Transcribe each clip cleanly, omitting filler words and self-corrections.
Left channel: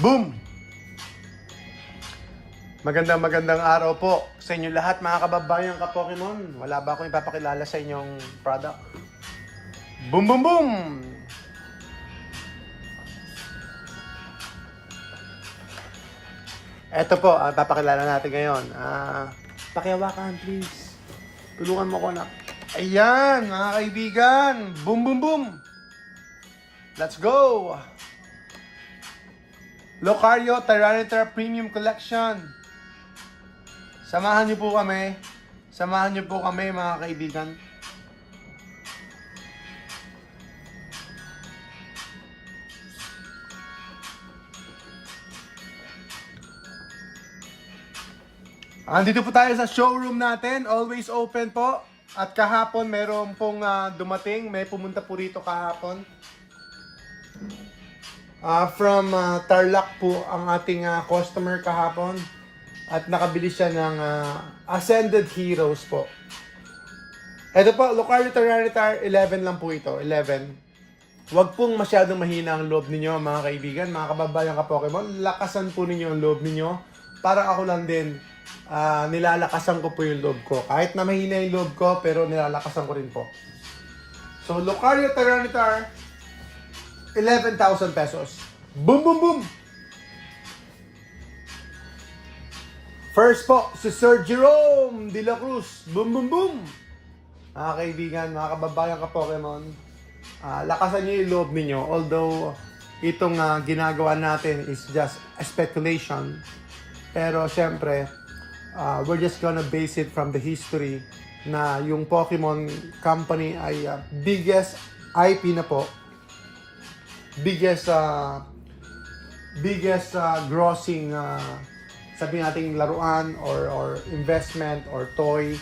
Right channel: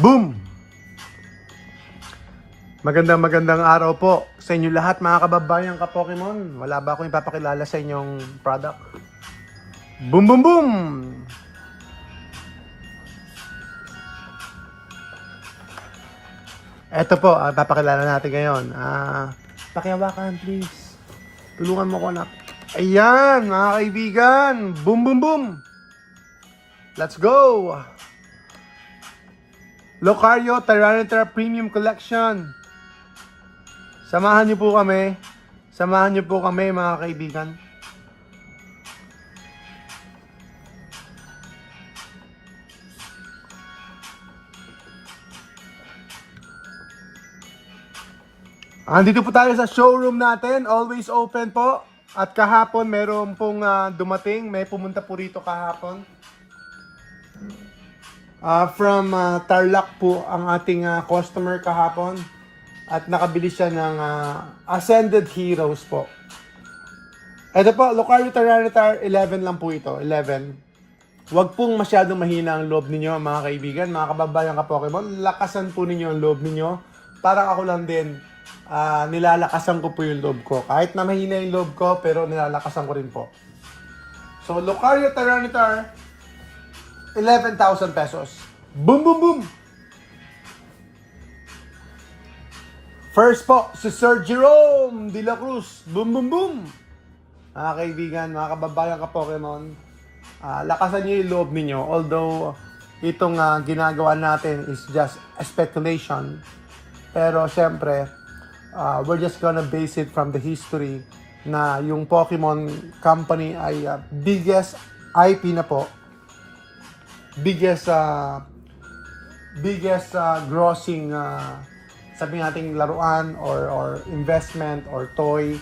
Boom! Magandang araw po sa inyo lahat mga kababayan ka-Pokemon. Wala ba akong ipapakilala sa inyong product? Boom boom boom! Eto po, papakilala natin ngayon. Pakihawakan please. Tulungan mo ko na. Ayan mga kaibigan! Boom boom boom! Let's go! Lucario Tyranitar Premium Collection. Samahan niyo po kami. Samahan niyo po kami mga kaibigan. Andito po tayo sa showroom natin. Always open po. At kahapon meron pong dumating. May pumunta po rito kahapon. From Tarlac po ang ating customer kahapon. At nakabili siya ng Ascended Heroes po. Ito po, Lucario Tyranitar, 11 lang po ito, 11. Huwag pong masyadong mahina ang loob ninyo mga kaibigan, mga kababayan ka-Pokemon. Lakasan po ninyo ang loob ninyo. Parang ako lang din, nilalakasan ko po yung loob ko. Kahit na mahina yung loob ko, pero nilalakasan ko rin po. So, Lucario Tyranitar, 11,000 pesos. Boom, boom, boom! First po, si Sir Jerome de la Cruz. Boom, boom, boom! Mga kaibigan, mga kababayan ka-Pokemon, lakasan niyo yung loob ninyo. Although, itong ginagawa natin is just a speculation. Pero, syempre, we're just gonna base it from the history na yung Pokemon Company ay biggest IP na po. Biggest grossing sabihin nating laruan or investment or toy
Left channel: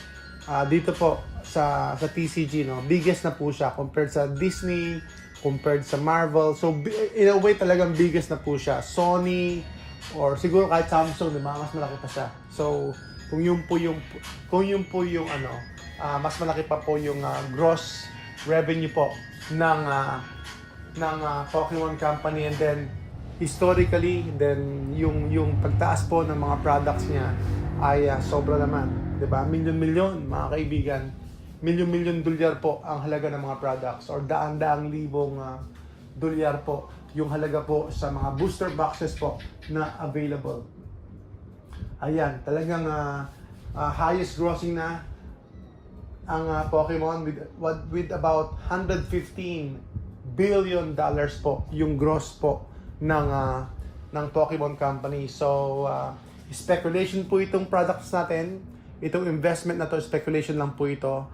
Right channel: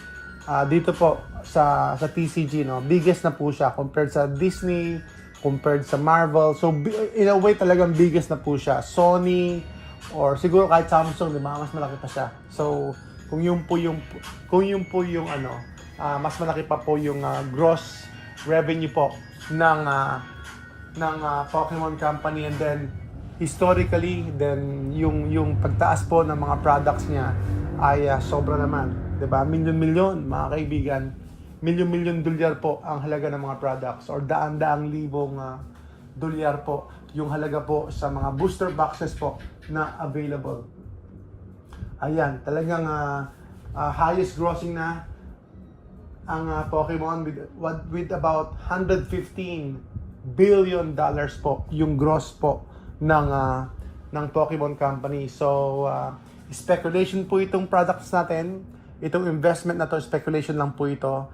dito po sa TCG, no. Biggest na po siya compared sa Disney, compared sa Marvel. So in a way talagang biggest na po siya. Sony or siguro kahit Samsung, diba, mas malaki pa siya. So kung yun po yung mas malaki pa po yung gross revenue po ng Pokemon Company, and then historically, then yung pagtaas po ng mga products niya ay sobra naman, 'di ba? Milyon-milyon mga kaibigan. Milyon-milyon dolyar po ang halaga ng mga products, or daan-daang libong dolyar po yung halaga po sa mga booster boxes po na available. Ayan, talagang highest grossing na ang Pokemon with about 115 billion dollars po yung gross po ng Pokemon Company. So speculation po itong products natin, itong investment na to, speculation lang po ito.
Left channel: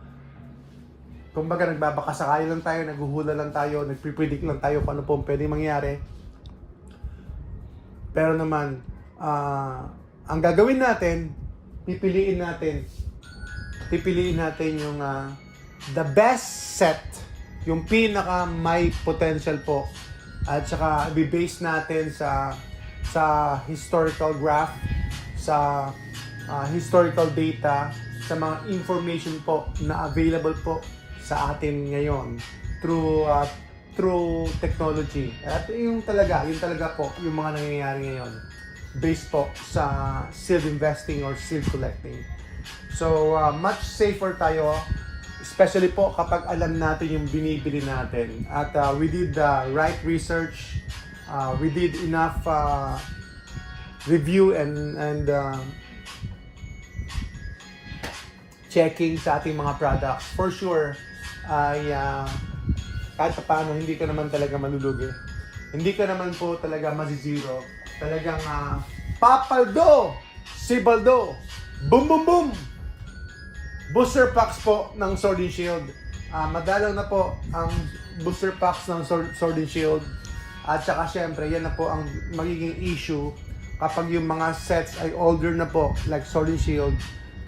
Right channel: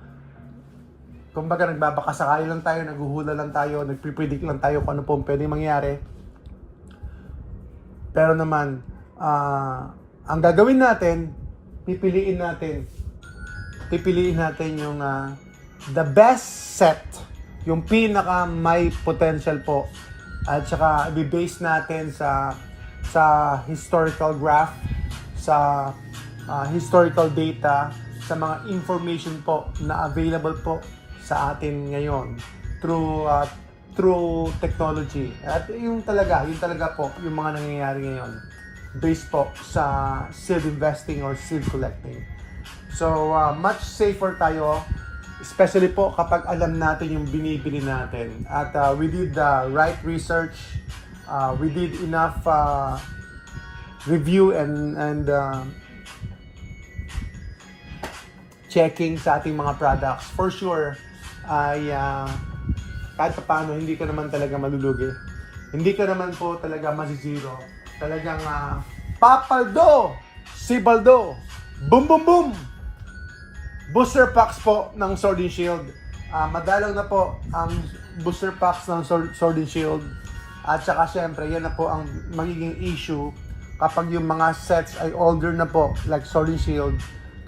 Kumbaga nagbabakasakali lang tayo, naghuhula lang tayo, nagpre-predict lang tayo kung ano po pwedeng mangyari. Pero naman ang gagawin natin, pipiliin natin yung the best set, yung pinaka may potential po, at saka i-base natin sa historical graph, sa historical data, sa mga information po na available po sa atin ngayon through technology. At yung talaga po yung mga nangyayari ngayon based po sa seed investing or seed collecting. So much safer tayo, especially po kapag alam natin yung binibili natin. At we did the right research, we did enough review and checking sa ating mga products. For sure, ay kahit paano hindi ka naman talaga malulugi. Hindi ka naman po talaga mazizero. Talagang papaldo, sibaldo, boom boom boom! Booster packs po ng Sword and Shield. Madalang na po ang booster packs ng Sword and Shield. At saka syempre, yan na po ang magiging issue kapag yung mga sets ay older na po, like Sword and Shield.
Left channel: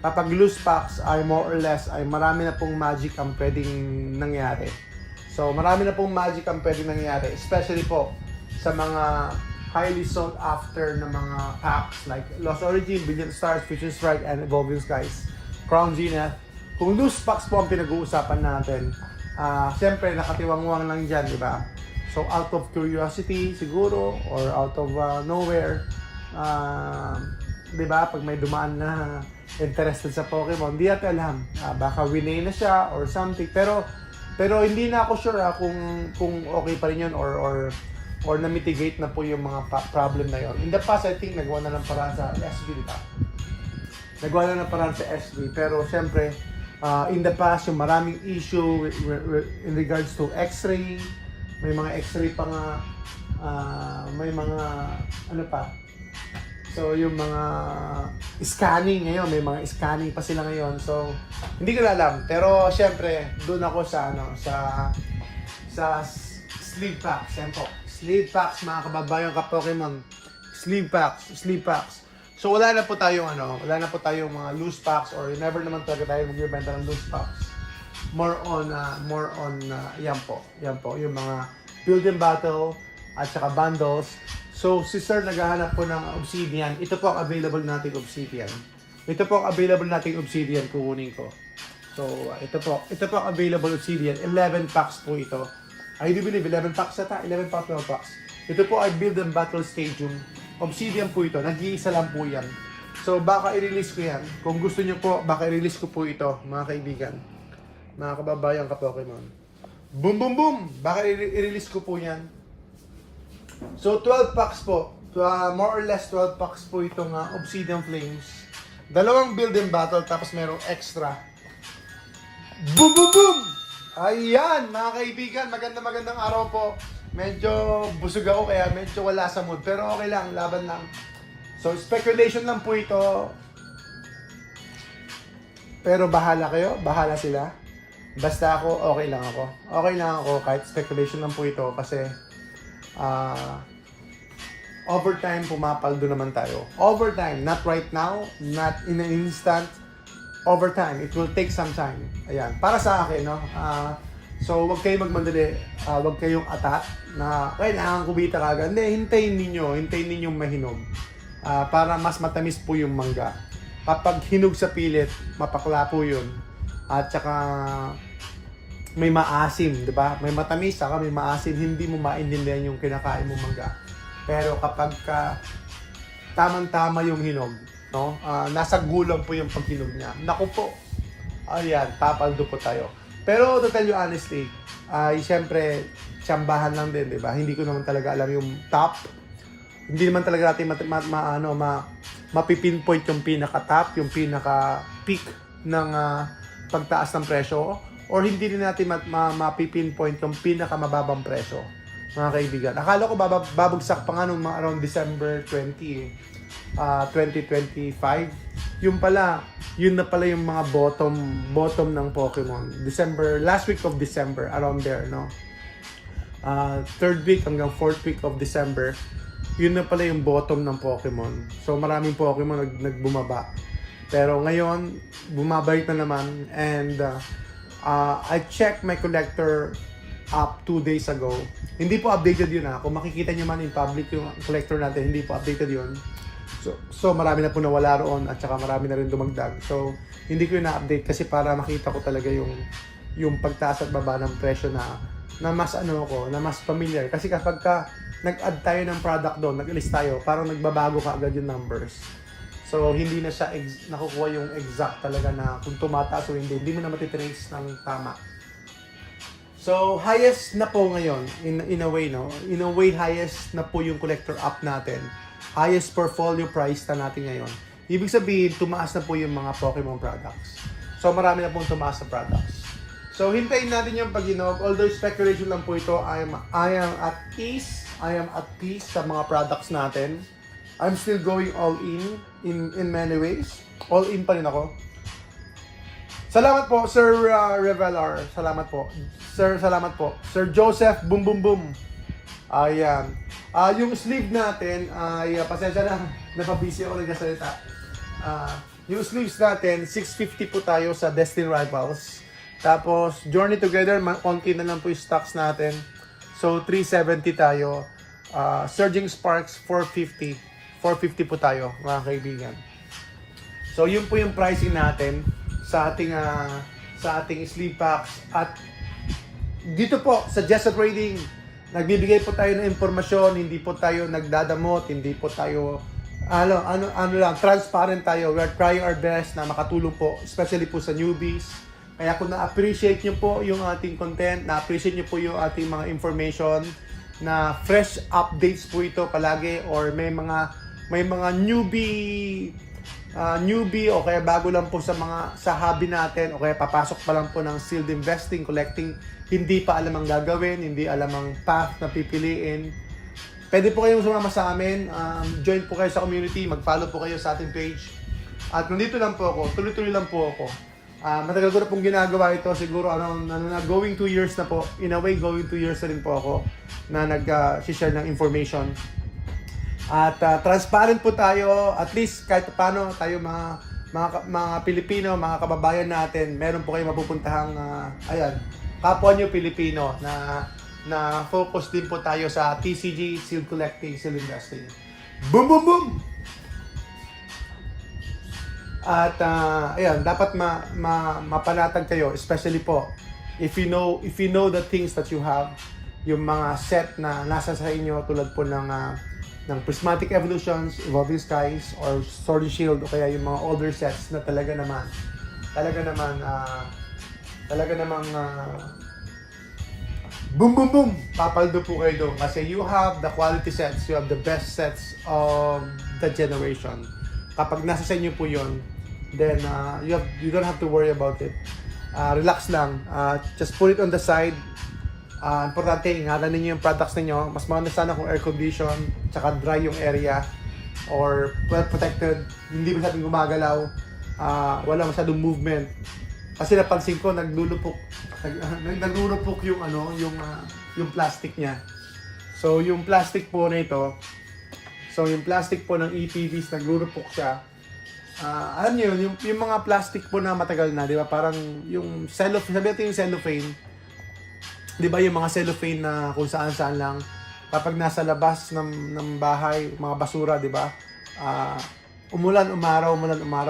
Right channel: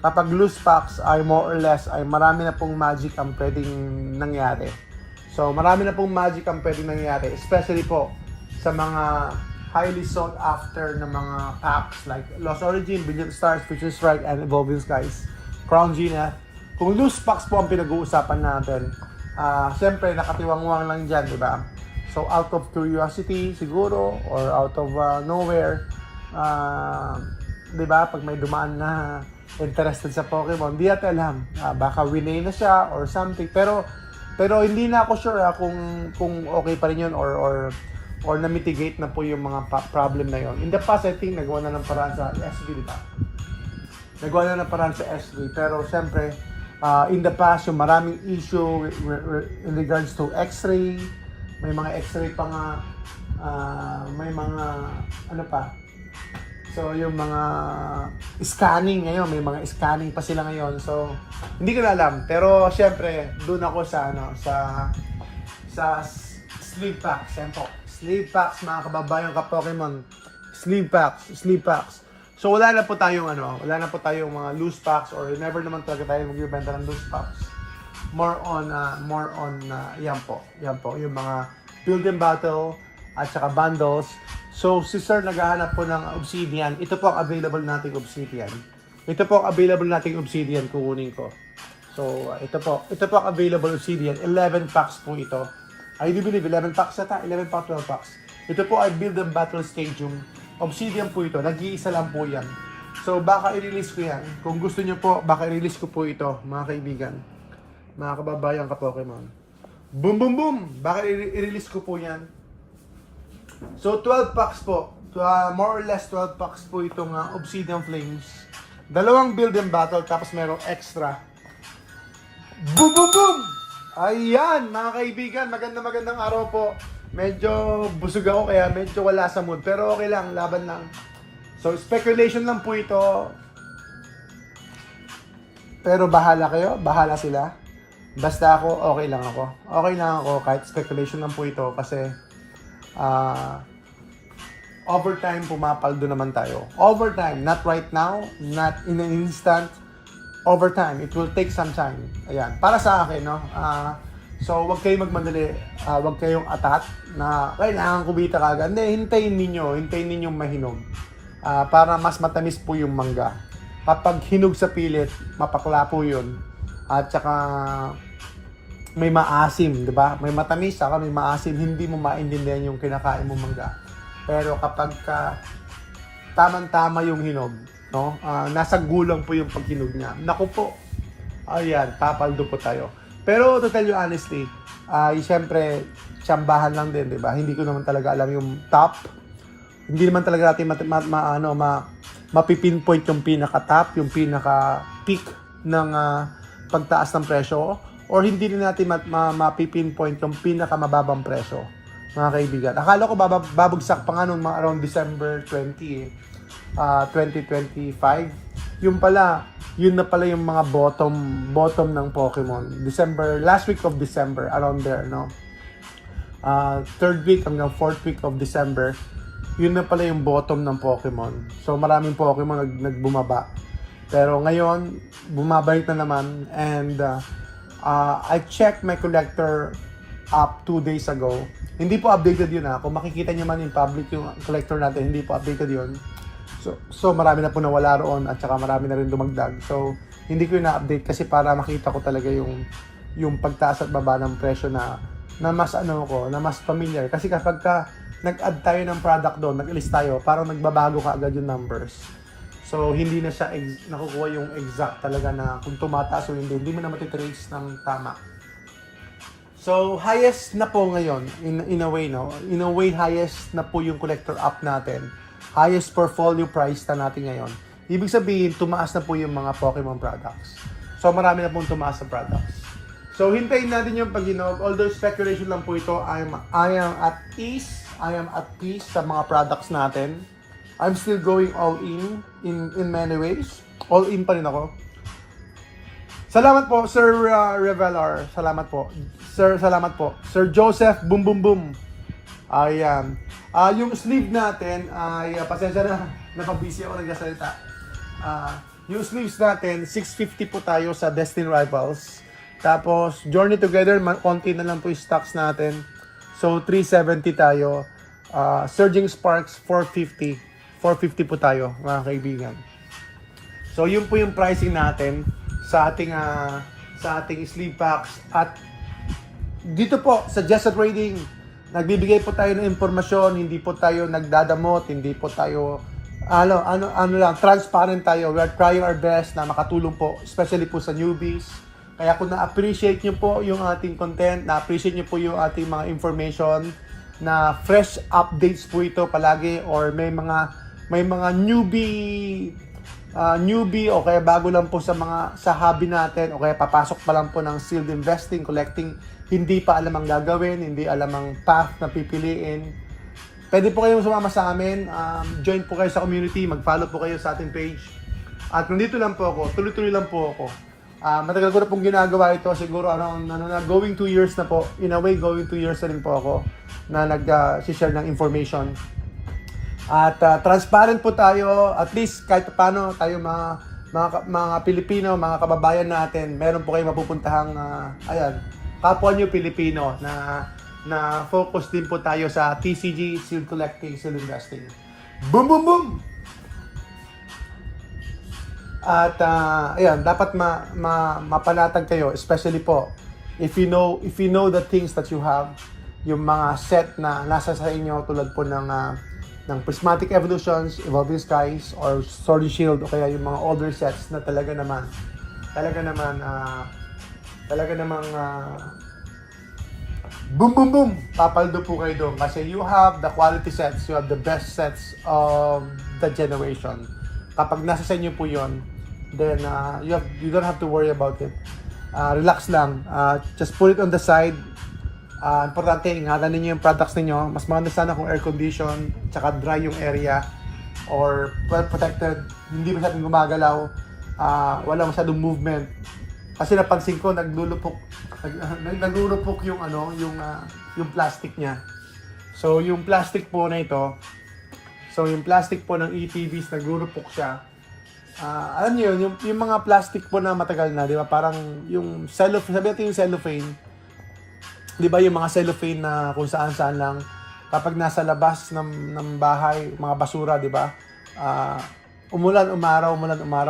Kapag loose packs ay more or less, ay marami na pong magic ang pwedeng nangyari. So marami na pong magic ang pwedeng nangyari, especially po sa mga highly sought after na mga packs like Lost Origin, Brilliant Stars, Future Strike, and Evolving Skies. Crown Gina. Kung loose packs po ang pinag-uusapan natin, siyempre nakatiwangwang lang dyan, di ba? So out of curiosity siguro or out of nowhere, di ba, pag may dumaan na interested sa Pokemon, di natin alam. Baka winay na siya or something. Pero hindi na ako sure kung okay pa rin yun or na-mitigate na po yung mga problem na yun. In the past, I think nagawa na ng paraan sa SB, di ba? Nagawa na ng paraan sa SB. Pero siyempre, in the past, yung maraming issue in regards to X-ray, may mga X-ray pa nga, may mga ano pa. So yung mga scanning ngayon, may mga scanning pa sila ngayon. So hindi ko na alam, pero syempre doon ako sa sleeve packs, sempo. Sleeve packs, mga kababayan ka Pokemon. Sleeve packs. So wala na po tayong mga loose packs or never naman talaga tayo magbibenta ng loose packs. More on yan po yung mga build and battle at saka bundles. So si Sir naghahanap po ng obsidian. Ito po ang available nating obsidian. Kukunin ko. So ito po ang available obsidian. 11 packs po ito. I do believe 11 packs ata, 11 packs, 12 packs. Ito po ay build and battle stadium. Obsidian po ito, nag-iisa lang po yan. So baka i-release ko yan. Kung gusto niyo po, baka i-release ko po ito, mga kaibigan. Mga kababayan ka Pokemon. Boom boom boom! Baka i-release ko po yan. So 12 packs po. More or less 12 packs po itong Obsidian Flames. Dalawang build and battle, tapos merong extra. Boom boom boom! Ayan, mga kaibigan, magandang araw po. Medyo busog ako kaya medyo wala sa mood. Pero okay lang, laban lang. So speculation lang po ito. Pero bahala kayo, bahala sila. Basta ako, okay lang ako. Okay lang ako kahit speculation lang po ito kasi overtime pumapaldo naman tayo. Overtime, not right now, not in an instant. Overtime, it will take some time. Ayan, para sa akin, no? So, wag kayong magmadali, wag kayong atat na kailangan kumita kagad. Hindi, hintayin ninyong mahinog. Para mas matamis po yung mangga. Kapag hinog sa pilit, mapakla po yun. At saka may maasim, di ba? May matamis, saka may maasim, hindi mo maintindihan yung kinakain mo mangga. Pero kapag tamang-tama yung hinog, no? Nasa gulang po yung paghinog niya. Naku po. Ayan, papaldo po tayo. Pero to tell you honestly, siyempre, tsambahan lang din, di ba? Hindi ko naman talaga alam yung top. Hindi naman talaga natin mapipinpoint yung pinaka-top, yung pinaka-peak ng pagtaas ng presyo. Or hindi din natin mapipinpoint yung pinaka-mababang presyo, mga kaibigan. Akala ko babagsak pa nga nung around December 20, 2025. Yun na pala yung mga bottom ng Pokemon. Last week of December, around there, no? Third week hanggang fourth week of December, yun na pala yung bottom ng Pokemon. So maraming Pokemon nagbumaba. Pero ngayon, bumabalik na naman and I checked my collector app 2 days ago. Hindi po updated yun Kung makikita nyo man in public yung collector natin, hindi po updated yun. So marami na po nawala roon at saka marami na rin dumagdag. So hindi ko yun na-update kasi para makita ko talaga yung pagtaas at baba ng presyo na mas na mas familiar. Kasi kapag nag-add tayo ng product doon, nag-list tayo, parang nagbabago ka agad yung numbers. So hindi na siya nakukuha yung exact talaga na kung tumataas o hindi mo na matitrace ng tama. So highest na po ngayon in a way, no? In a way highest na po yung collector app natin. Highest portfolio price na natin ngayon. Ibig sabihin, tumaas na po yung mga Pokemon products. So marami na pong tumaas na products. So hintayin natin yung pag-inog. Although speculation lang po ito, I am at peace sa mga products natin. I'm still going all in many ways. All in pa rin ako. Salamat po, Sir Revelar. Salamat po. Sir, salamat po. Sir Joseph, boom boom boom. Ayan. Yung sleeve natin, pasensya na, napabisi ako nagsasalita. Yung sleeves natin, 650 po tayo sa Destiny Rivals. Tapos, Journey Together, konti na lang po yung stocks natin. So, 370 tayo. Surging Sparks, 450. 450 po tayo, mga kaibigan. So, yun po yung pricing natin sa ating sleeve packs. At dito po, sa Jessa Trading, nagbibigay po tayo ng impormasyon, hindi po tayo nagdadamot, hindi po tayo lang, transparent tayo. We are trying our best na makatulong po, especially po sa newbies. Kaya kung na-appreciate nyo po yung ating content, na-appreciate nyo po yung ating mga information, na fresh updates po ito palagi, or may mga newbie o kaya bago lang po sa hobby natin, o kaya papasok pa lang po ng sealed investing, collecting, hindi pa alam ang gagawin, hindi alam ang path na pipiliin. Pwede po kayong sumama sa amin, join po kayo sa community, mag-follow po kayo sa ating page. At nandito lang po ako, tuloy-tuloy lang po ako. Matagal ko na pong ginagawa ito, siguro going 2 years na po. In a way, going 2 years na rin po ako na nag-share ng information. At transparent po tayo, at least kahit paano tayo mga Pilipino, mga kababayan natin, meron po kayong mapupuntahang kapwa nyo Pilipino na focus din po tayo sa TCG, Sealed Collecting, Sealed Investing. Boom, boom, boom! At ayan, dapat mapanatag kayo, especially po if you know the things that you have, yung mga set na nasa sa inyo, tulad po ng Prismatic Evolutions, Evolving Skies, or Sword and Shield, o kaya yung mga older sets na talaga namang boom boom boom, papaldo po kayo doon kasi you have the quality sets, you have the best sets of the generation. Kapag nasa sa inyo po yun, then you don't have to worry about it. Relax lang, just put it on the side. Importante, ingatan ninyo yung products ninyo. Mas maganda sana kung air condition, tsaka dry yung area, or well protected, hindi masyadong gumagalaw, walang masyadong movement. Kasi napansin ko naglulupok yung yung plastic niya. So yung plastic po na ito, yung plastic po ng EPVs naglulupok siya. Alam niyo yung mga plastic po na matagal na, di ba? Parang yung cellophane, sabi natin yung cellophane. Di ba yung mga cellophane na kung saan-saan lang, kapag nasa labas ng bahay, mga basura, di ba? Umulan, umaraw,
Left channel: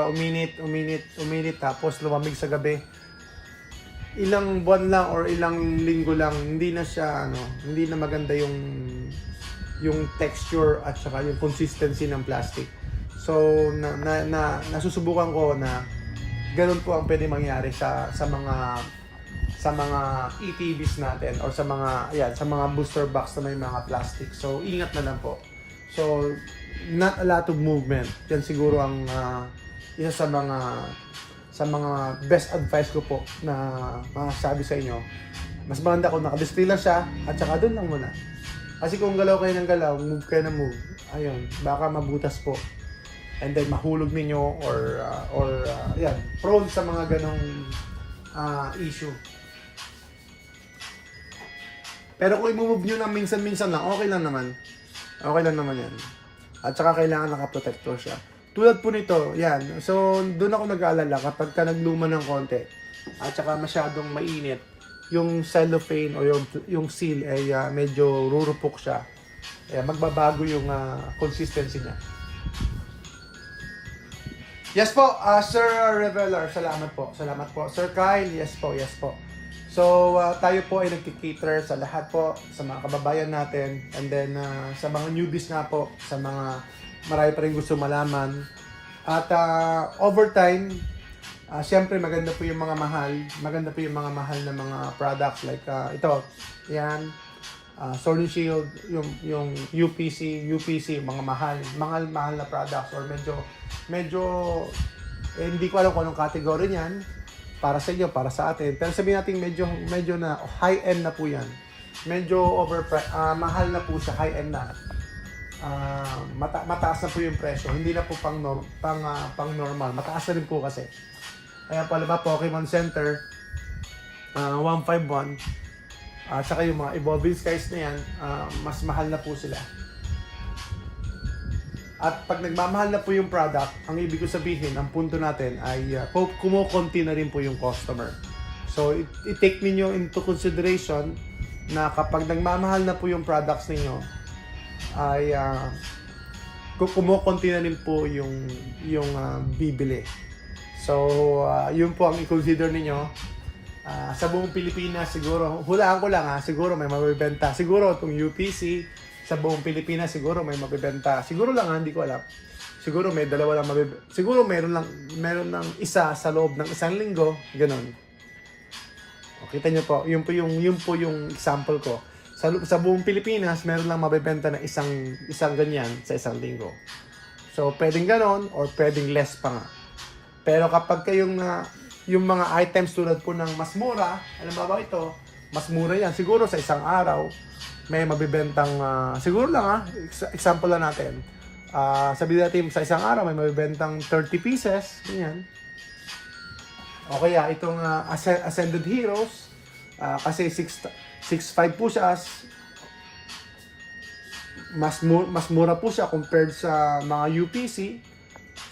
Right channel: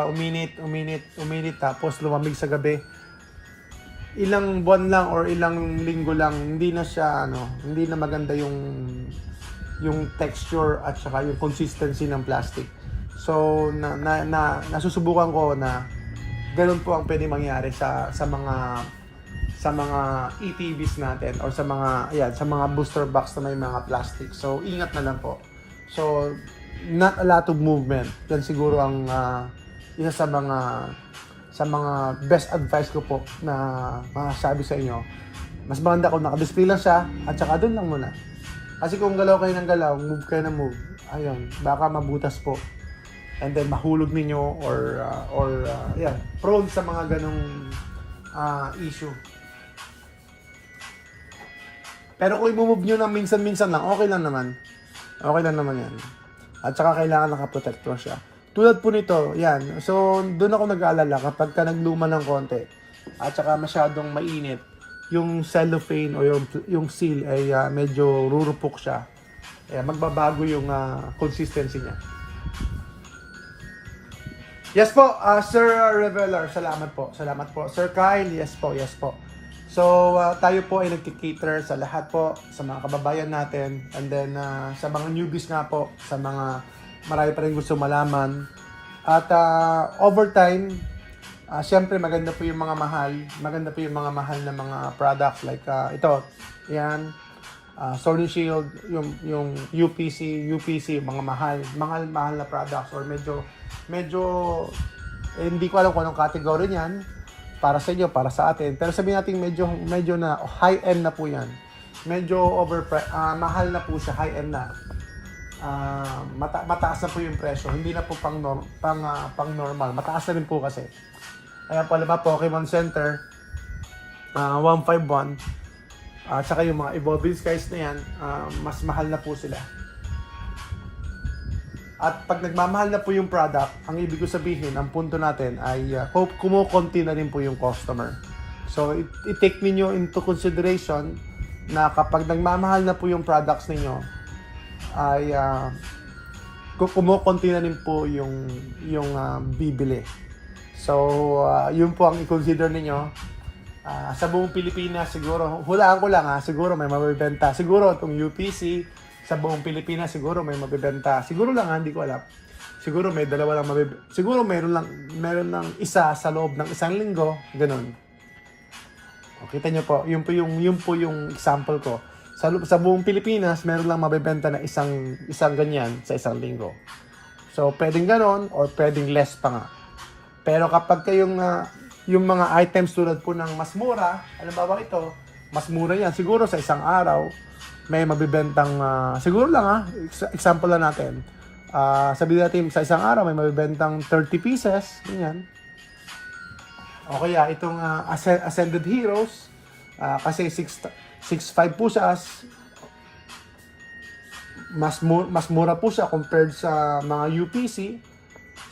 uminit, tapos lumamig sa gabi. Ilang buwan lang or ilang linggo lang, hindi na maganda yung texture at saka yung consistency ng plastic. So nasusubukan ko na ganun po ang pwede mangyari sa mga ETVs natin, or sa mga booster box na may mga plastic. So ingat na lang po. So not a lot of movement. Yan siguro ang isa sa mga best advice ko po na masasabi sa inyo. Mas maganda kung naka-display lang siya at saka doon lang muna. Kasi kung galaw kayo ng galaw, move kayo ng move, ayun, baka mabutas po. And then mahulog ninyo or prone sa mga ganong issue. Pero kung i-move nyo lang minsan-minsan lang, okay lang naman. Okay lang naman yan. At saka kailangan nakaprotekto siya. Tulad po nito, yan. So, doon ako nag-aalala kapag ka nagluma ng konti at saka masyadong mainit, yung cellophane o yung seal ay medyo rurupok siya. Kaya magbabago yung consistency niya. Yes po, Sir Reveler, salamat po. Sir Kyle, yes po. So, tayo po ay nagkikater sa lahat po, sa mga kababayan natin, and then sa mga newbies nga po, sa mga marami pa rin gusto malaman. At over time, siyempre maganda po yung mga mahal na mga products like ito, yan, Sword and Shield, yung UPC, mga mahal na products, or medyo hindi ko alam kung anong category niyan para sa inyo, para sa atin. Pero sabihin natin medyo na high-end na po yan. Medyo mahal na po siya, high-end na. Mataas na po yung presyo. Hindi na po pang normal. Mataas na rin po kasi. Kaya pala ba, Pokemon Center, 151. Saka yung mga Evolving Skies na yan, mas mahal na po sila. At pag nagmamahal na po yung product, ang ibig ko sabihin, ang punto natin ay kumukonti na rin po yung customer. So, i-take ninyo into consideration na kapag nagmamahal na po yung products ninyo, ay kumukonti na rin po yung bibili. So, yun po ang i-consider ninyo. Sa buong Pilipinas siguro, hulaan ko lang siguro may mabibenta. Siguro itong UPC, sa buong Pilipinas siguro may mabibenta. Siguro lang hindi ko alam. Siguro may dalawa lang mabibenta. Siguro meron lang isa sa loob ng isang linggo, ganun. O, kita nyo po, yun po yung example ko. Sa buong Pilipinas, meron lang mabibenta na isang ganyan sa isang linggo. So, pwedeng ganon or pwedeng less pa nga. Pero kapag kayong yung mga items tulad po ng mas mura, alam ba ito, mas mura yan. Siguro sa isang araw, may mabibentang, siguro lang example lang natin. Sabihin natin sa isang araw, may mabibentang 30 pieces, ganyan. O kaya itong Ascended Heroes, kasi 6.5 po siya, mas mura po siya compared sa mga UPC.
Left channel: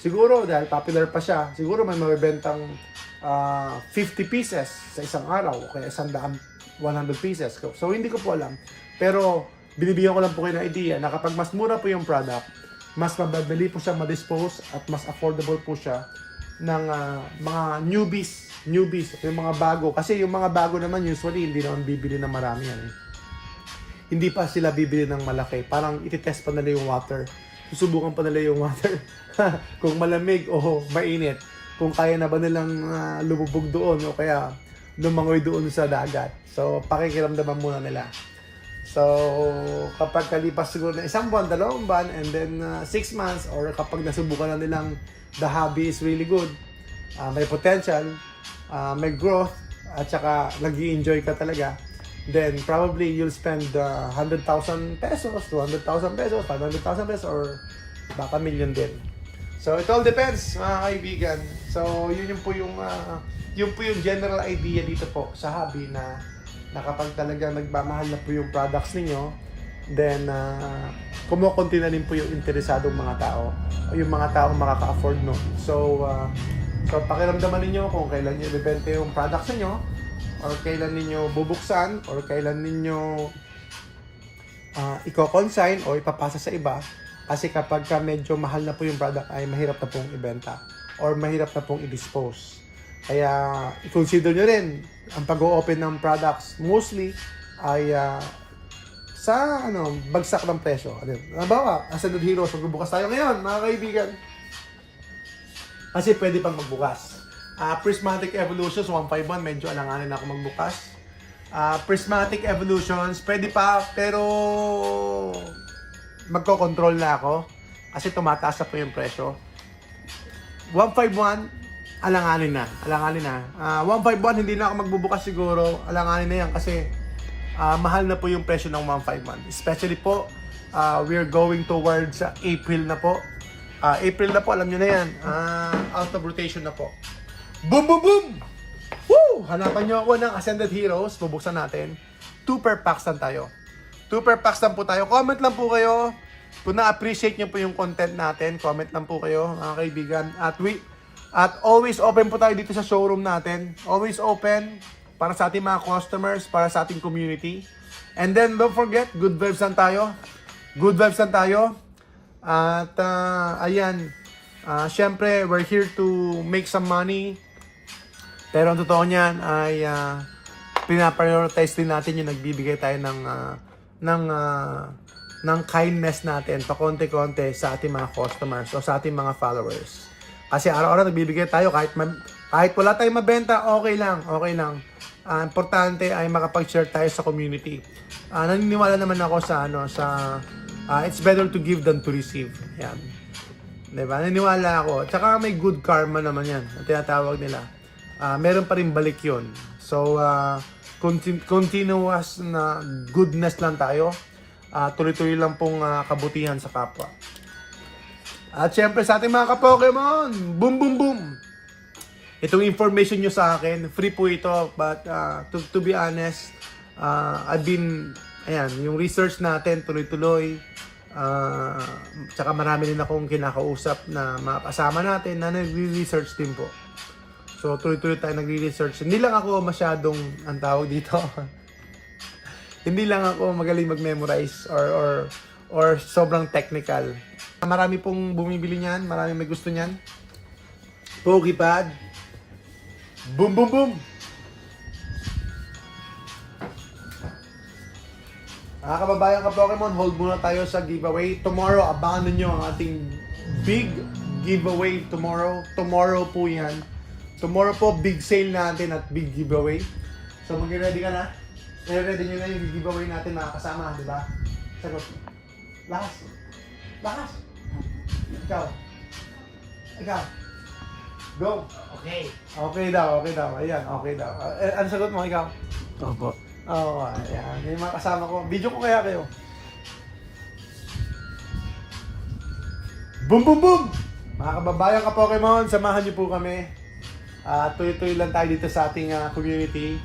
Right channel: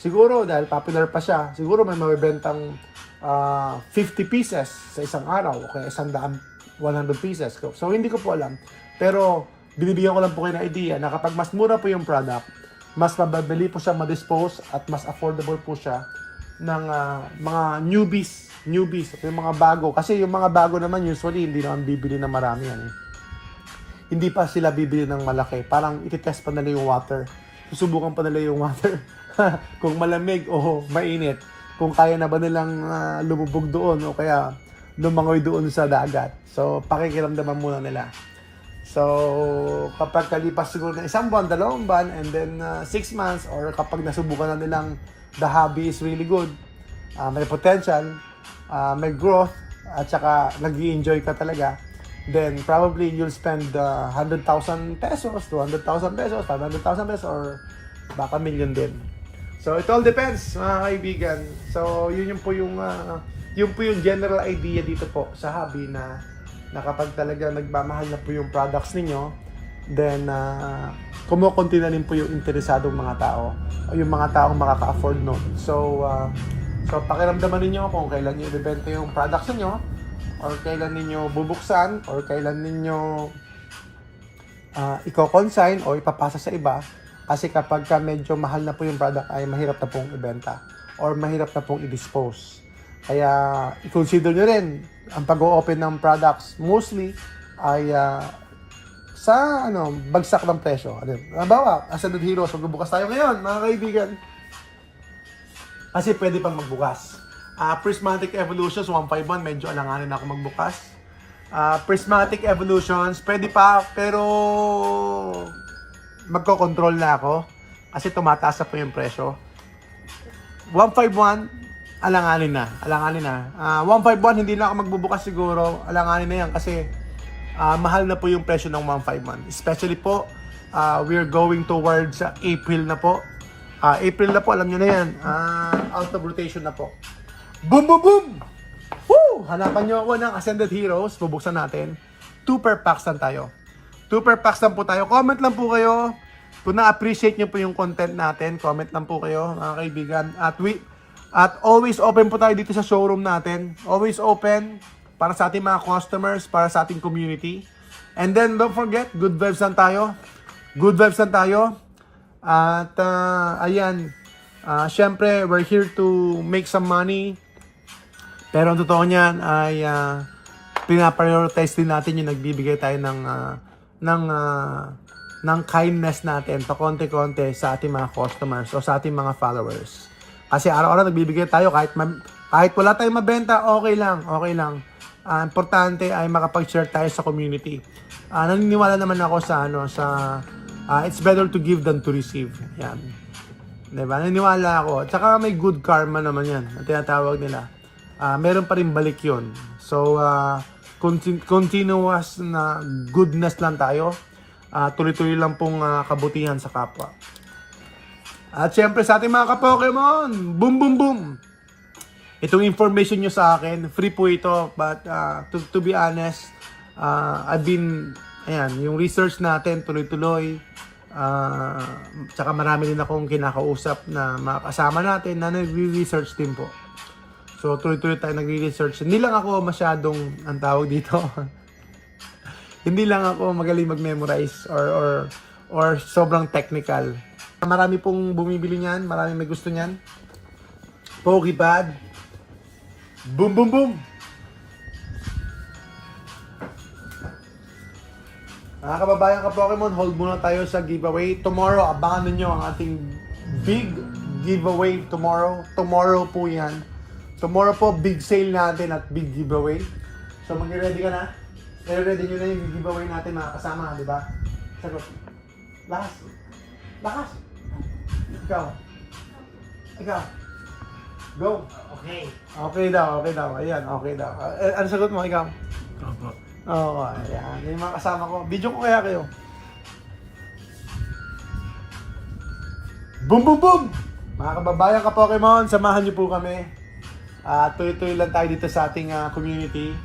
Siguro dahil popular pa siya, siguro may mabibentang 50 pieces sa isang araw o kaya 100 pieces. So hindi ko po alam. Pero binibigyan ko lang po kayo ng idea na kapag mas mura po yung product, mas mababili po siya ma-dispose at mas affordable po siya ng mga newbies, yung mga bago. Kasi yung mga bago naman usually hindi naman bibili ng marami yan. Hindi pa sila bibili ng malaki. Parang ititest pa nila yung water. Susubukan pa nila yung water. Kung malamig o mainit. Kung kaya na ba nilang lumubog doon o kaya lumangoy doon sa dagat. So, pakikiramdaman muna nila. So, kapag kalipas siguro na 1 buwan, 2 buwan, and then 6 months, or kapag nasubukan na nilang the hobby is really good, may potential, may growth, at saka nag-i-enjoy ka talaga, then probably you'll spend 100,000 pesos, 200,000 pesos, 500,000 pesos, or baka million din. So, it all depends, mga kaibigan. So, yun po yung general idea dito po sa hobby na kapag talaga nagmamahal na po yung products ninyo, then kumukunti na rin po yung interesadong mga tao o yung mga taong makaka-afford no. So pakiramdaman ninyo kung kailan nyo ibebenta yung products ninyo, or kailan ninyo bubuksan, or kailan ninyo i-consign o ipapasa sa iba. Kasi kapag medyo mahal na po yung product ay mahirap na pong ibenta or mahirap na pong i-dispose. Kaya i-consider nyo rin ang pag-o-open ng products mostly ay sa bagsak ng presyo. Halimbawa, Ascended Heroes, magbubukas tayo ngayon, mga kaibigan. Kasi pwede pang magbukas. Prismatic Evolutions 151, medyo alanganin ako magbukas. Prismatic Evolutions, pwede pa, pero magko-control na ako kasi tumataas na po yung presyo. 151, alanganin na. 151, hindi na ako magbubukas siguro. Alanganin na yan kasi mahal na po yung presyo ng 151. Especially po, we're going towards April na po. April na po, alam nyo na yan. Out of rotation na po. Boom, boom, boom! Woo! Hanapan nyo ako ng Ascended Heroes. Bubuksan natin. 2 per packs lang tayo. 2 per packs lang po tayo. Comment lang po kayo. Kung na-appreciate nyo po yung content natin, comment lang po kayo, mga kaibigan. At always open po tayo dito sa showroom natin. Always open para sa ating mga customers, para sa ating community. And then, don't forget, good vibes lang tayo. Good vibes lang tayo. At, ayan, syempre, we're here to make some money. Pero ang totoo niyan ay pinaprioritize din natin yung nagbibigay tayo ng kindness natin pa konti-konti sa ating mga customers o sa ating mga followers. Kasi araw-araw nagbibigay tayo kahit wala tayong mabenta, okay lang. Importante ay makapag-share tayo sa community. Naniniwala naman ako sa it's better to give than to receive. Yan. Diba? Naniniwala ako. Tsaka may good karma naman yan. Tinatawag nila. Meron pa rin balik yun. So, continuous na goodness lang tayo. Tuloy-tuloy lang pong kabutihan sa kapwa. At syempre sa ating mga ka-Pokemon, boom boom boom! Itong information nyo sa akin, free po ito. But to be honest, I've been, yung research natin tuloy-tuloy. Tsaka marami din akong kinakausap na mga kasama natin na nag-research din po. So tuloy-tuloy tayo nag-research. Hindi lang ako masyadong, ang tawag dito, hindi lang ako magaling mag-memorize or sobrang technical. Marami pong bumibili niyan, marami may gusto niyan. Pokepad. Boom boom boom. Mga kababayan ka Pokemon, hold muna tayo sa giveaway. Tomorrow, abangan nyo ang ating big giveaway tomorrow. Tomorrow po yan. Tomorrow po, big sale natin at big giveaway. So mag-ready ka na? Ready nyo na yung giveaway natin mga kasama, di ba? Sagot. Lakas. Lakas. Ikaw. Ikaw. Go. Okay. Okay daw. Ayan, okay daw. Ano sagot mo, ikaw? Opo. Oo, ayan. Yung mga kasama ko. Video ko kaya kayo. Boom, boom, boom! Mga kababayan ka Pokemon, samahan niyo po kami. Tuloy-tuloy lang tayo dito sa ating community.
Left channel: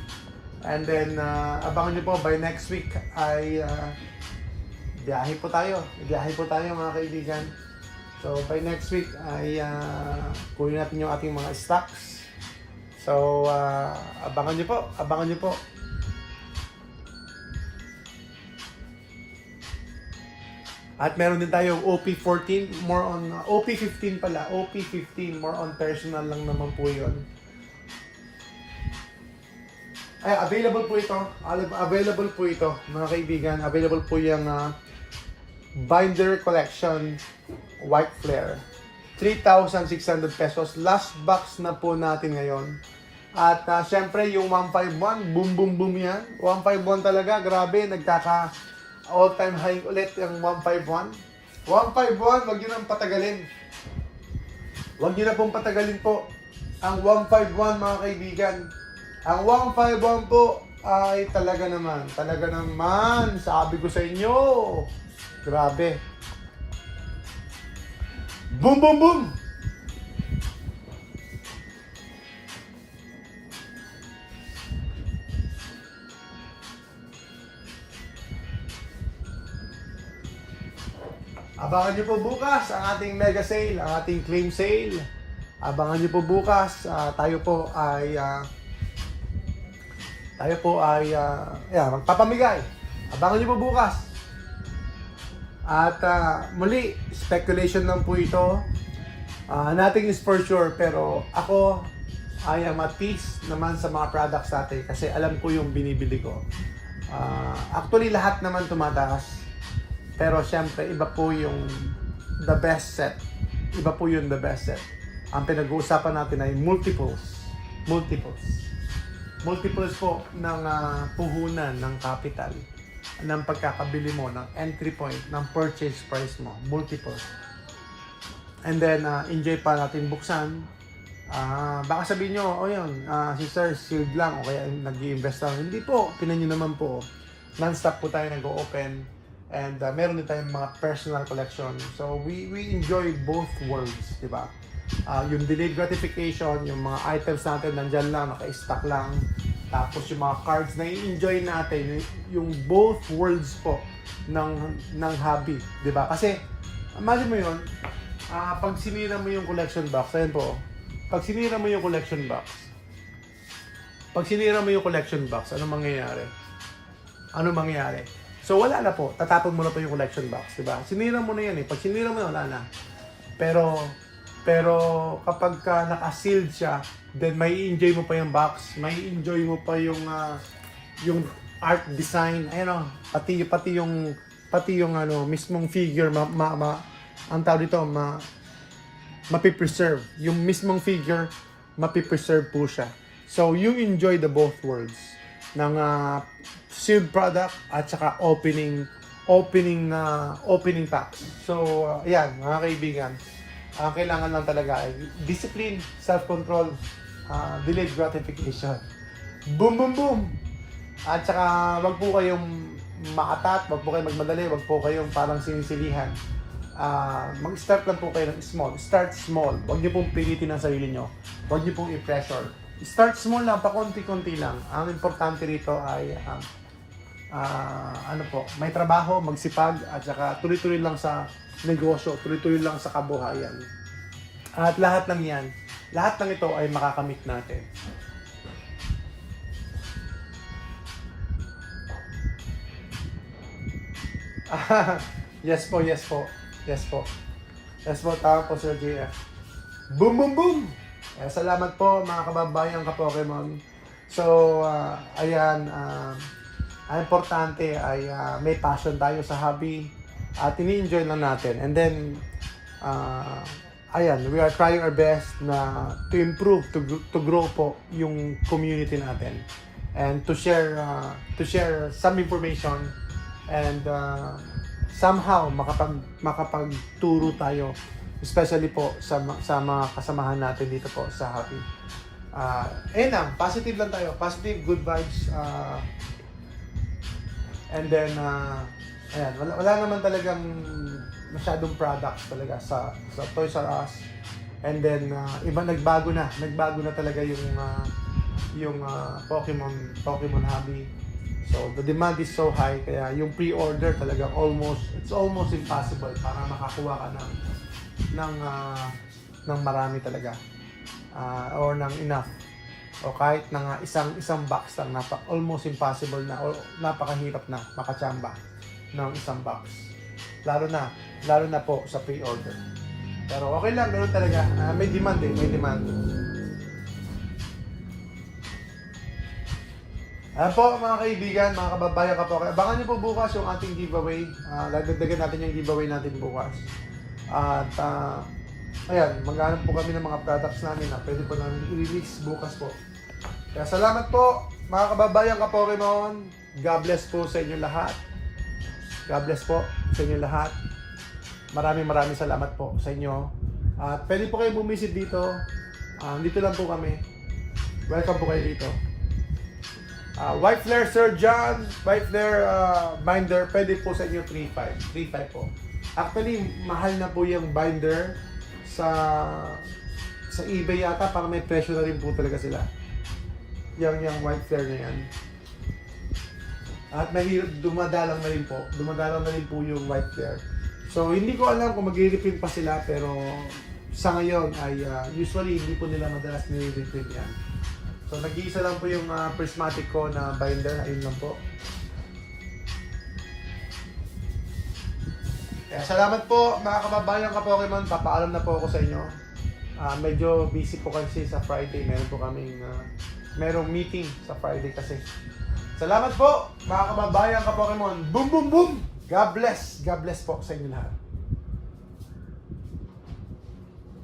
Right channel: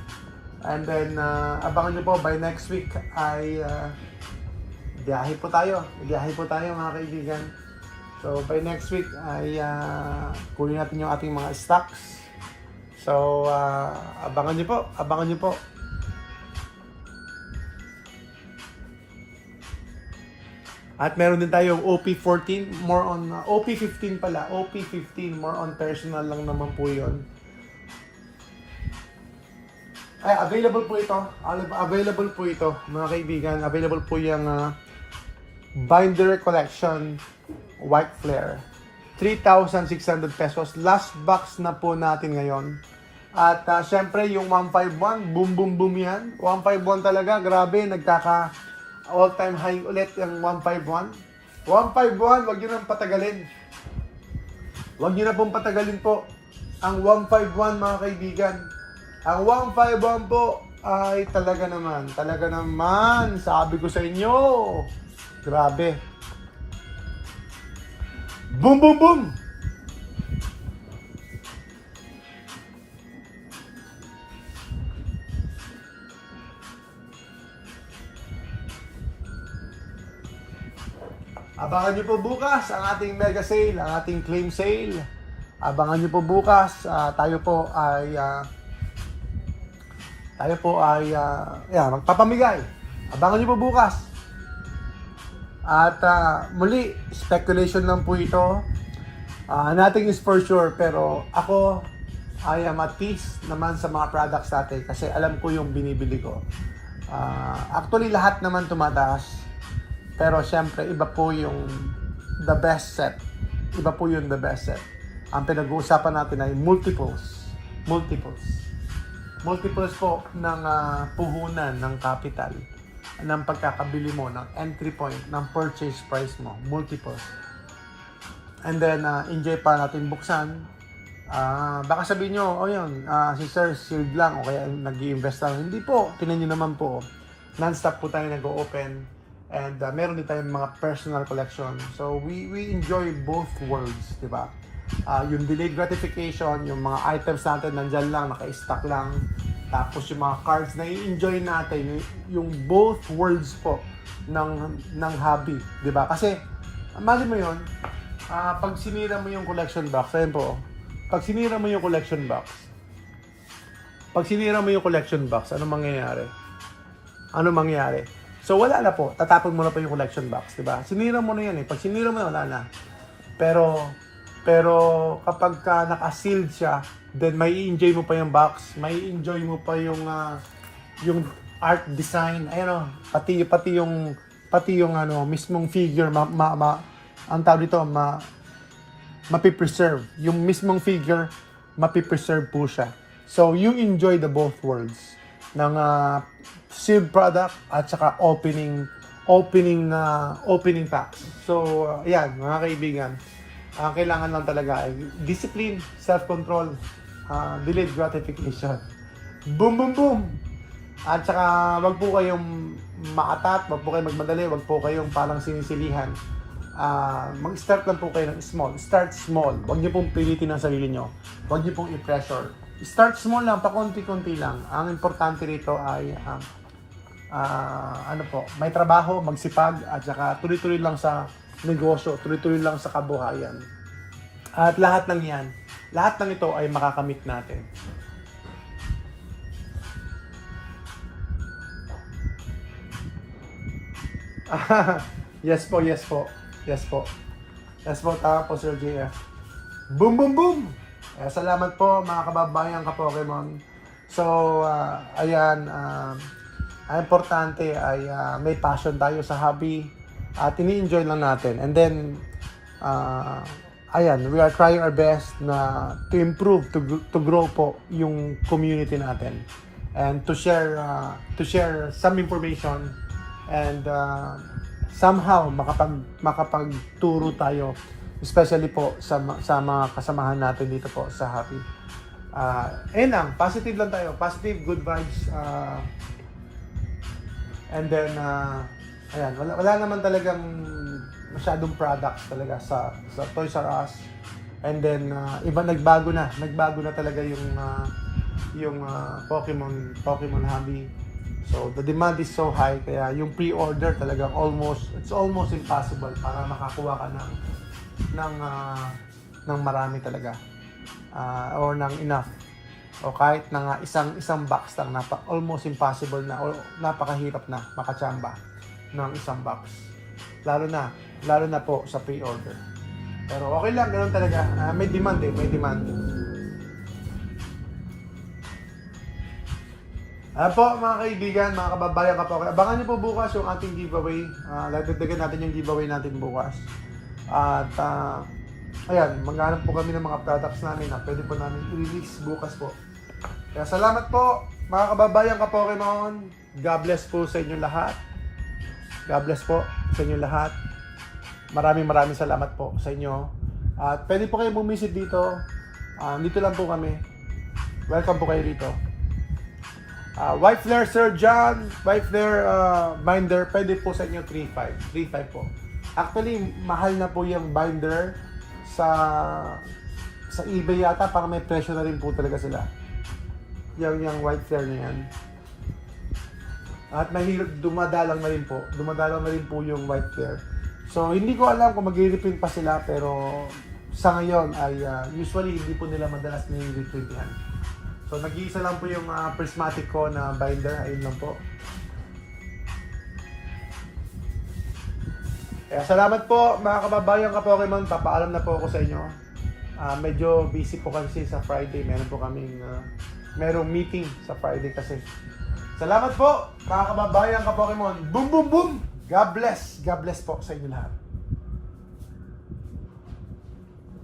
And then, abangan niyo po, by next week ay biyahe po tayo. Biyahe po tayo mga kaibigan. So, by next week ay kunin natin yung ating mga stocks. So, abangan niyo po. Abangan niyo po. At meron din tayong OP14, more on, OP15 pala, OP15, more on personal lang naman po yun. Ay, available po ito, mga kaibigan, available po yung Binder Collection White Flare. 3,600 pesos, last box na po natin ngayon. At syempre yung 151, boom boom boom yan, 151 talaga, grabe, nagkaka all-time high ulit yung 151. 151, wag nyo nang patagalin. Wag nyo na pong patagalin po ang 151 mga kaibigan. Ang 151 po ay talaga naman, sabi ko sa inyo, grabe. Boom, boom, boom! Abangan nyo po bukas ang ating mega sale, ang ating claim sale. Abangan nyo po bukas, tayo po ay magpapamigay. Abangan nyo po bukas. At muli, speculation lang po ito. Nothing is for sure, pero ako I am at peace naman sa mga products natin kasi alam ko yung binibili ko. Actually, lahat naman tumataas. Pero syempre, iba po yung the best set. Iba po yung the best set. Ang pinag-uusapan natin ay multiples. Multiples po ng puhunan ng capital, ng pagkakabili mo, ng entry point, ng purchase price mo. Multiples. And then, enjoy pa natin buksan. Baka sabihin nyo, yun, si Sir sealed lang o kaya nag-i-invest lang. Hindi po, tinan nyo naman po. Non-stop po tayo nag-open. And meron din tayong mga personal collection. So we enjoy both worlds, di ba? Yung delayed gratification, yung mga items natin nandyan lang, naka-stock lang. Tapos yung mga cards na i-enjoy natin, yung both worlds po ng hobby, di ba? Kasi, imagine mo yun, pag sinira mo yung collection box, ayun po, pag sinira mo yung collection box, ano mangyayari? So wala na po, tatapon mo na po yung collection box, diba? Sinira mo na yan eh. Pag sinira mo wala na. Pero kapag naka-sealed siya, then may enjoy mo pa yung box, may enjoy mo pa yung art design, ayun, pati yung mismong figure ang tawag dito, mapipreserve. Yung mismong figure, mapipreserve po siya. So you enjoy the both worlds ng sealed product at saka opening packs. So, ayan, mga kaibigan, kailangan lang talaga ay discipline, self-control, delayed gratification. Boom, boom, boom! At saka, wag po kayong maatat, wag po kayong magmadali, wag po kayong parang sinisilihan. Mag-start lang po kayo ng small. Start small. Wag niyo pong pilitin ang sarili niyo. Wag niyo pong i-pressure. Start small lang, pakonti-konti lang. Ang importante rito ay may trabaho, magsipag, at saka tuloy-tuloy lang sa negosyo, tuloy-tuloy lang sa kabuhayan. At lahat ng ito ay makakamit natin. Yes po, tama po Sir Gia. Boom, boom, boom! Salamat po mga kababayan ka Pokemon. So, ayan, Ang importante ay may passion tayo sa hobby at ini-enjoy lang natin. And then, ayan, we are trying our best na to improve, to grow po yung community natin. And to share some information and somehow makapagturo tayo, especially po sa mga kasamahan natin dito po sa hobby. Ayun lang, positive lang tayo, positive, good vibes. And then, ayan, wala naman talagang masyadong products talaga sa Toys R Us. And then, nagbago na talaga yung Pokemon hobby. So, the demand is so high, kaya yung pre-order talaga it's almost impossible para makakuha ka ng marami talaga. Or ng enough. O kahit na nga isang box lang, almost impossible na, o napakahirap na makachamba ng isang box. Lalo na po sa pre-order. Pero okay lang, ganoon talaga. May demand may demand. Po mga kaibigan, mga kababayan ka po. Abangan niyo po bukas yung ating giveaway. Dagdagan natin yung giveaway natin bukas. At ayan, maghanap po kami ng mga products namin na pwede po namin i-release bukas po. Kaya salamat po mga kababayan ka Pokemon. God bless po sa inyo lahat. God bless po sa inyo lahat. Maraming salamat po sa inyo. At pwede po kayo bumisit dito. Dito lang po kami. Welcome po kayo dito. White Flare Sir John, White Flare binder, pwede po sa inyo 3.5 po. Actually, mahal na po yung binder sa eBay yata, parang may presyo na rin po talaga sila. Yung White Flare niyan. At mahirap, dumadalang na rin po yung White Flare. So, hindi ko alam kung mag-reprint pa sila, pero sa ngayon ay usually hindi po nila madalas nire-reprint yan. So, nag-iisa lang po yung prismatic ko na binder. Ayun lang po. Kaya salamat po mga kababayan ka Pokemon. Papaalam na po ako sa inyo. Medyo busy po kasi sa Friday. Merong meeting sa Friday kasi. Salamat po mga kababayan ka Pokemon. Boom boom boom! God bless po sa inyo lahat.